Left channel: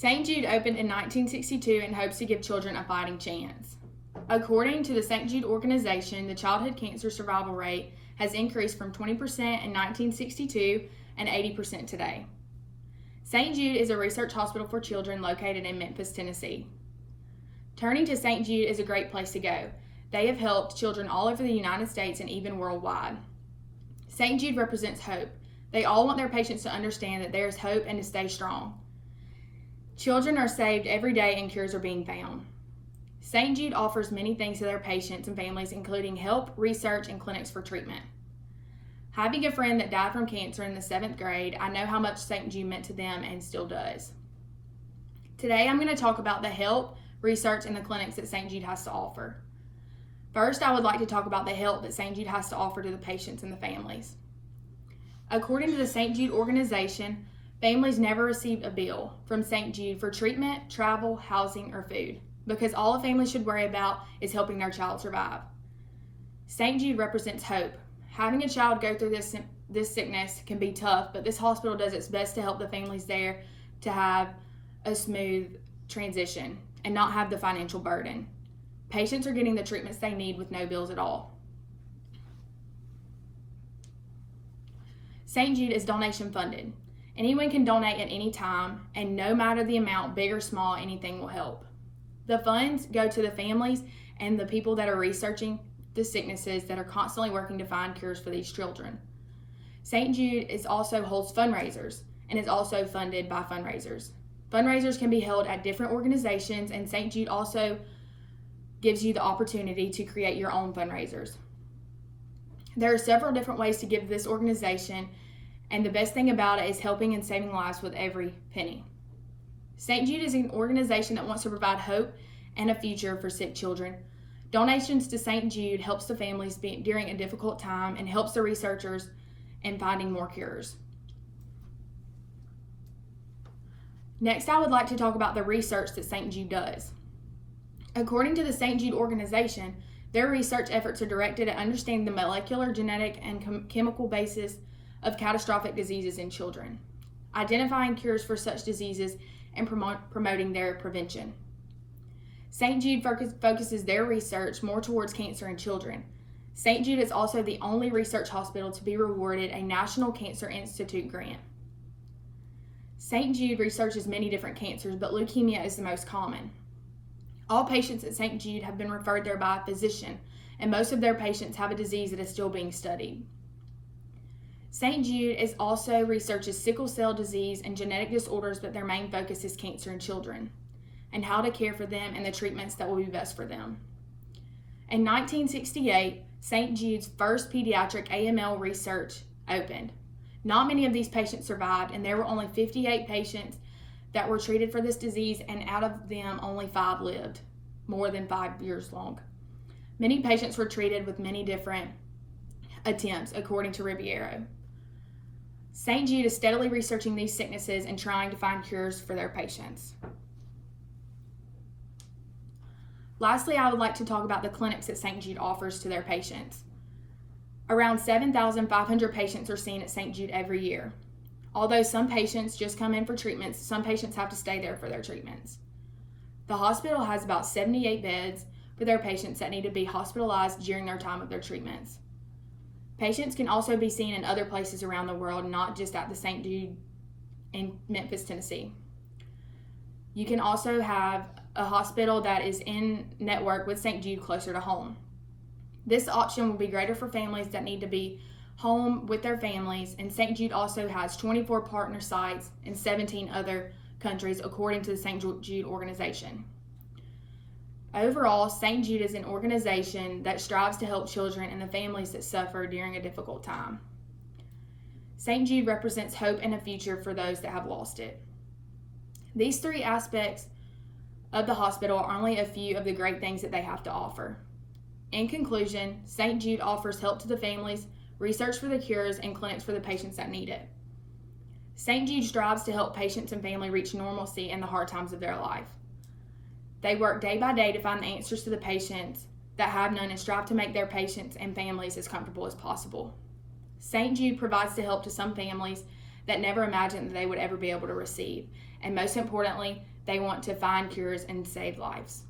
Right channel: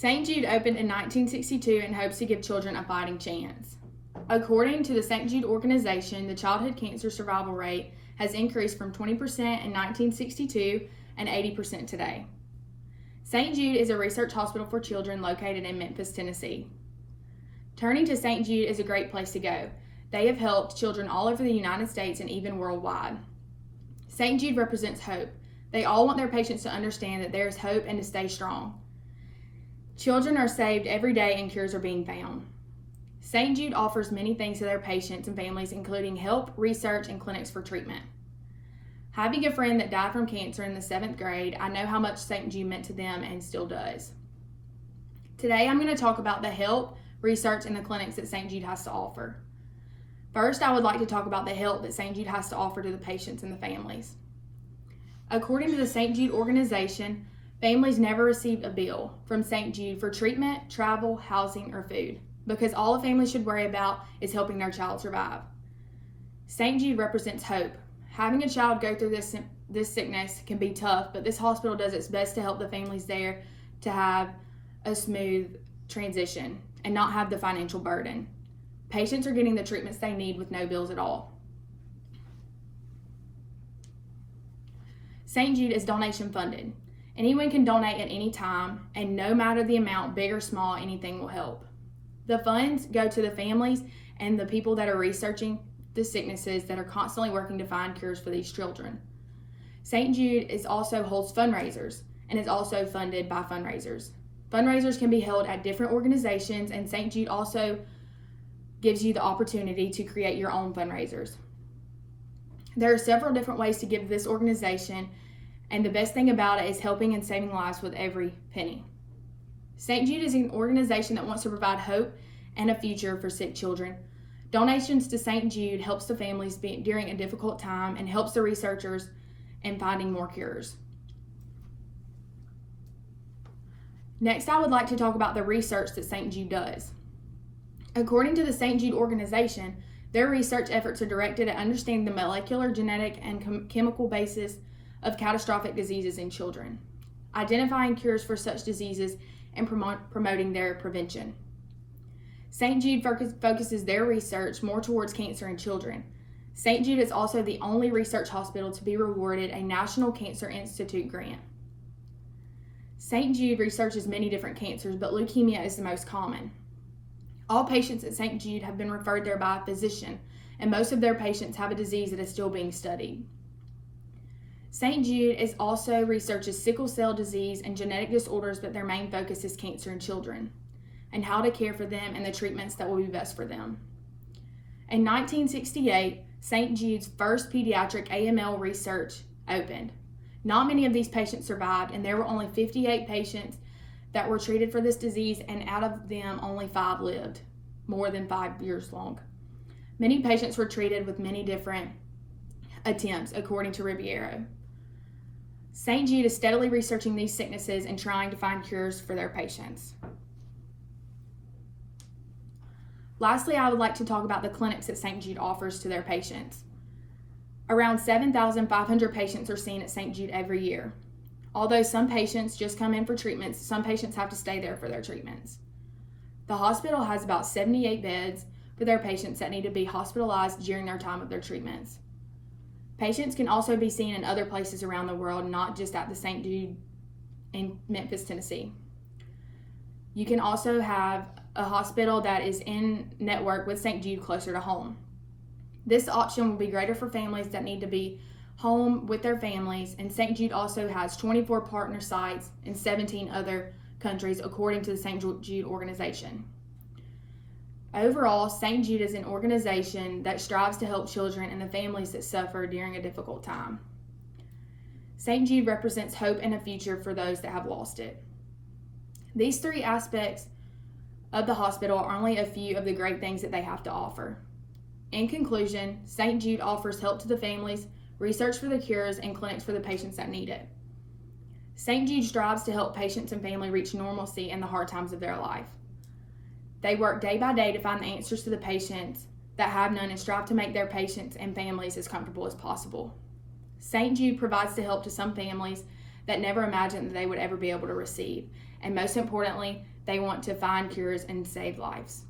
St. Jude opened in 1962 and hopes to give children a fighting chance. According to the St. Jude organization, the childhood cancer survival rate has increased from 20% in 1962 and 80% today. St. Jude is a research hospital for children located in Memphis, Tennessee. Turning to St. Jude is a great place to go. They have helped children all over the United States and even worldwide. St. Jude represents hope. They all want their patients to understand that there is hope and to stay strong. Children are saved every day and cures are being found. St. Jude offers many things to their patients and families, including help, research, and clinics for treatment. Having a friend that died from cancer in the 7th grade, I know how much St. Jude meant to them and still does. Today, I'm going to talk about the help, research, and the clinics that St. Jude has to offer. First, I would like to talk about the help that St. Jude has to offer to the patients and the families. According to the St. Jude organization, families never receive a bill from St. Jude for treatment, travel, housing, or food, because all a family should worry about is helping their child survive. St. Jude represents hope. Having a child go through this sickness can be tough, but this hospital does its best to help the families there to have a smooth transition and not have the financial burden. Patients are getting the treatments they need with no bills at all. St. Jude is donation funded. Anyone can donate at any time, and no matter the amount, big or small, anything will help. The funds go to the families and the people that are researching the sicknesses that are constantly working to find cures for these children. St. Jude also holds fundraisers and is also funded by fundraisers. Fundraisers can be held at different organizations, and St. Jude also gives you the opportunity to create your own fundraisers. There are several different ways to give this organization, and the best thing about it is helping and saving lives with every penny. St. Jude is an organization that wants to provide hope and a future for sick children. Donations to St. Jude helps the families during a difficult time and helps the researchers in finding more cures. Next, I would like to talk about the research that St. Jude does. According to the St. Jude organization, their research efforts are directed at understanding the molecular, genetic, and chemical basis of catastrophic diseases in children, identifying cures for such diseases, and promoting their prevention. St. Jude focuses their research more towards cancer in children. St. Jude is also the only research hospital to be awarded a National Cancer Institute grant. St. Jude researches many different cancers, but leukemia is the most common. All patients at St. Jude have been referred there by a physician, and most of their patients have a disease that is still being studied. St. Jude also researches sickle cell disease and genetic disorders, but their main focus is cancer in children and how to care for them and the treatments that will be best for them. In 1968, St. Jude's first pediatric AML research opened. Not many of these patients survived, and there were only 58 patients that were treated for this disease, and out of them, only 5 lived more than 5 years long. Many patients were treated with many different attempts, according to Riviero. St. Jude is steadily researching these sicknesses and trying to find cures for their patients. Lastly, I would like to talk about the clinics that St. Jude offers to their patients. Around 7,500 patients are seen at St. Jude every year. Although some patients just come in for treatments, some patients have to stay there for their treatments. The hospital has about 78 beds for their patients that need to be hospitalized during their time of their treatments. Patients can also be seen in other places around the world, not just at the St. Jude in Memphis, Tennessee. You can also have a hospital that is in network with St. Jude closer to home. This option will be greater for families that need to be home with their families, and St. Jude also has 24 partner sites in 17 other countries, according to the St. Jude organization. Overall, St. Jude is an organization that strives to help children and the families that suffer during a difficult time. St. Jude represents hope and a future for those that have lost it. These 3 aspects of the hospital are only a few of the great things that they have to offer. In conclusion, St. Jude offers help to the families, research for the cures, and clinics for the patients that need it. St. Jude strives to help patients and family reach normalcy in the hard times of their life. They work day by day to find the answers to the patients that have none and strive to make their patients and families as comfortable as possible. St. Jude provides the help to some families that never imagined that they would ever be able to receive. And most importantly, they want to find cures and save lives.